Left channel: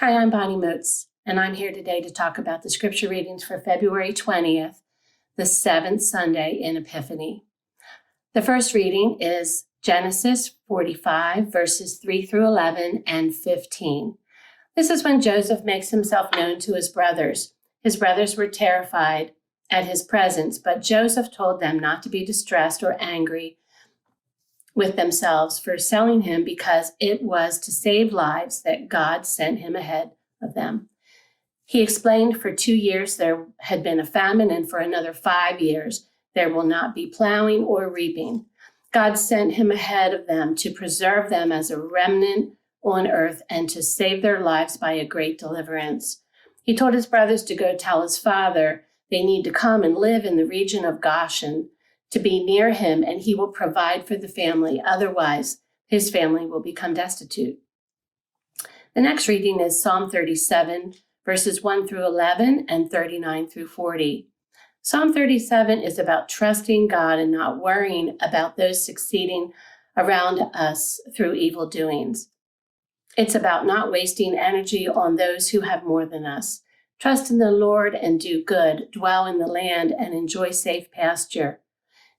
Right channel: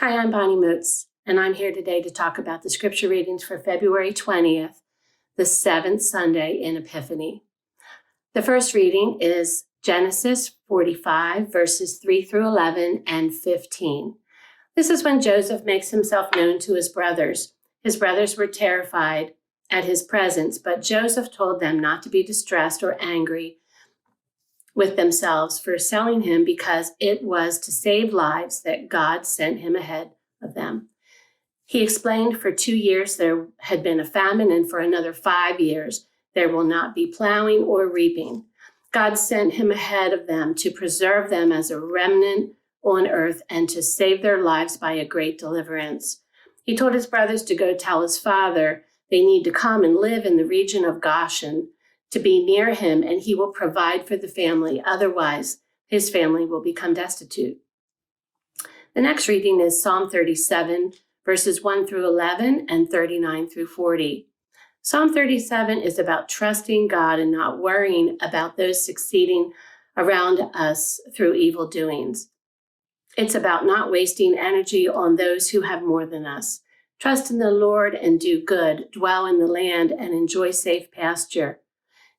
Hi, I'm Bonnie Moatz, and I'm here today to talk about the scripture readings for February 20th, the seventh Sunday in Epiphany. The first reading is Genesis 45, verses 3 through 11 and 15. This is when Joseph makes himself known to his brothers. His brothers were terrified at his presence, but Joseph told them not to be distressed or angry with themselves for selling him, because it was to save lives that God sent him ahead of them. He explained, for 2 years there had been a famine, and for another 5 years there will not be plowing or reaping. God sent him ahead of them to preserve them as a remnant on earth and to save their lives by a great deliverance. He told his brothers to go tell his father they need to come and live in the region of Goshen, to be near him, and he will provide for the family. Otherwise, his family will become destitute. The next reading is Psalm 37, verses 1 through 11 and 39 through 40. Psalm 37 is about trusting God and not worrying about those succeeding around us through evil doings. It's about not wasting energy on those who have more than us. Trust in the Lord and do good, dwell in the land and enjoy safe pasture.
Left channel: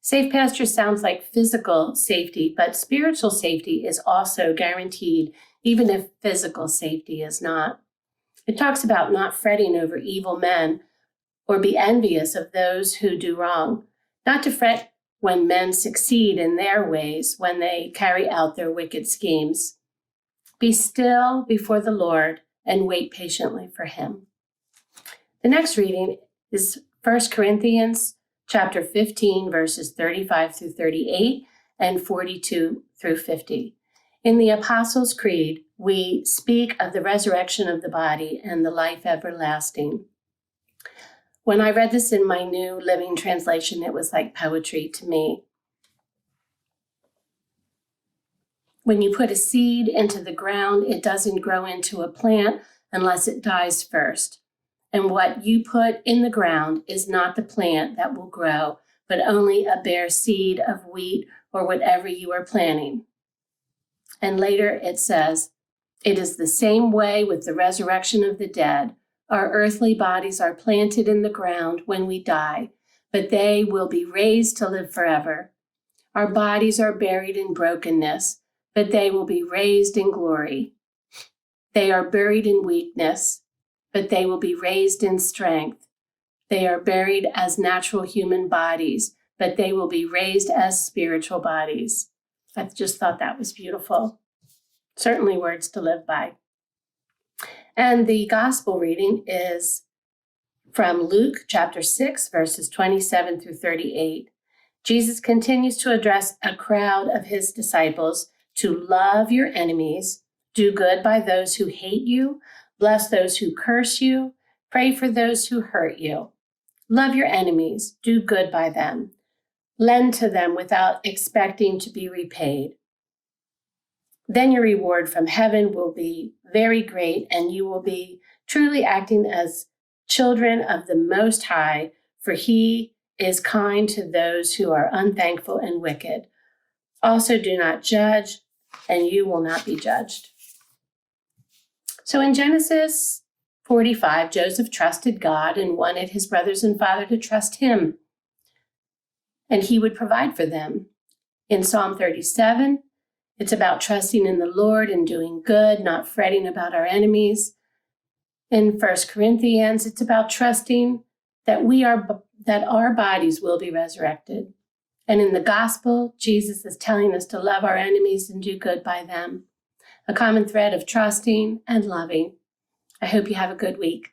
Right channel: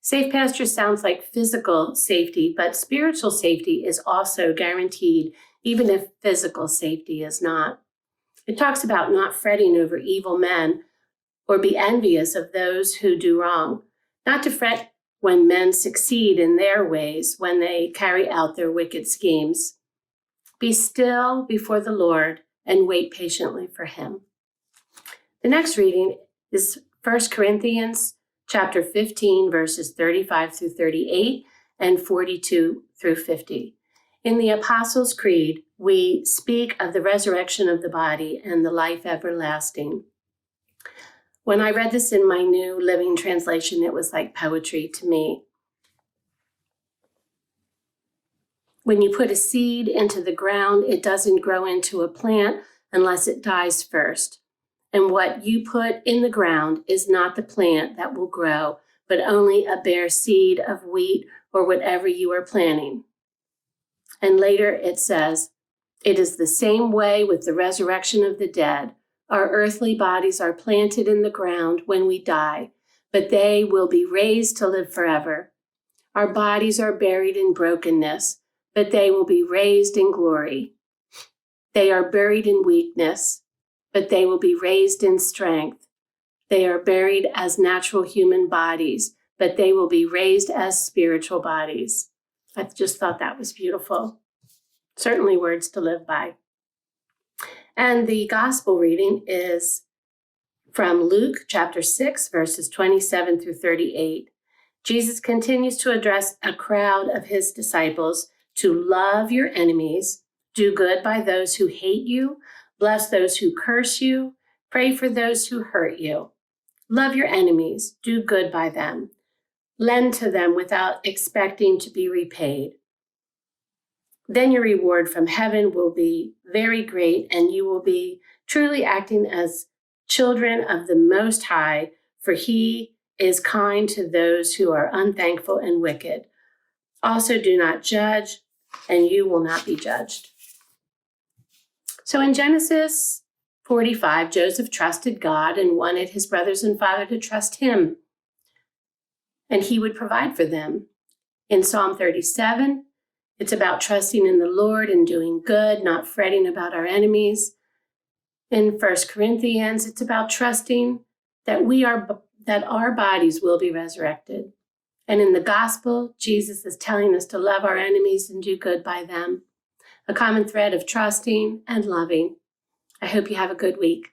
Safe pasture sounds like physical safety, but spiritual safety is also guaranteed, even if physical safety is not. It talks about not fretting over evil men or be envious of those who do wrong, not to fret when men succeed in their ways, when they carry out their wicked schemes. Be still before the Lord and wait patiently for him. The next reading is 1 Corinthians chapter 15, verses 35 through 38 and 42 through 50. In the Apostles' Creed, we speak of the resurrection of the body and the life everlasting. When I read this in my New Living Translation, it was like poetry to me. When you put a seed into the ground, it doesn't grow into a plant unless it dies first. And what you put in the ground is not the plant that will grow, but only a bare seed of wheat or whatever you are planting. And later it says, it is the same way with the resurrection of the dead. Our earthly bodies are planted in the ground when we die, but they will be raised to live forever. Our bodies are buried in brokenness, but they will be raised in glory. They are buried in weakness, but they will be raised in strength. They are buried as natural human bodies, but they will be raised as spiritual bodies. I just thought that was beautiful. Certainly words to live by. And the gospel reading is from Luke chapter 6, verses 27 through 38. Jesus continues to address a crowd of his disciples to love your enemies, do good by those who hate you, bless those who curse you, pray for those who hurt you. Love your enemies, do good by them. Lend to them without expecting to be repaid. Then your reward from heaven will be very great, and you will be truly acting as children of the Most High, for he is kind to those who are unthankful and wicked. Also do not judge, and you will not be judged. So in Genesis 45, Joseph trusted God and wanted his brothers and father to trust him, and he would provide for them. In Psalm 37, it's about trusting in the Lord and doing good, not fretting about our enemies. In 1 Corinthians, it's about trusting that our bodies will be resurrected. And in the gospel, Jesus is telling us to love our enemies and do good by them. A common thread of trusting and loving. I hope you have a good week.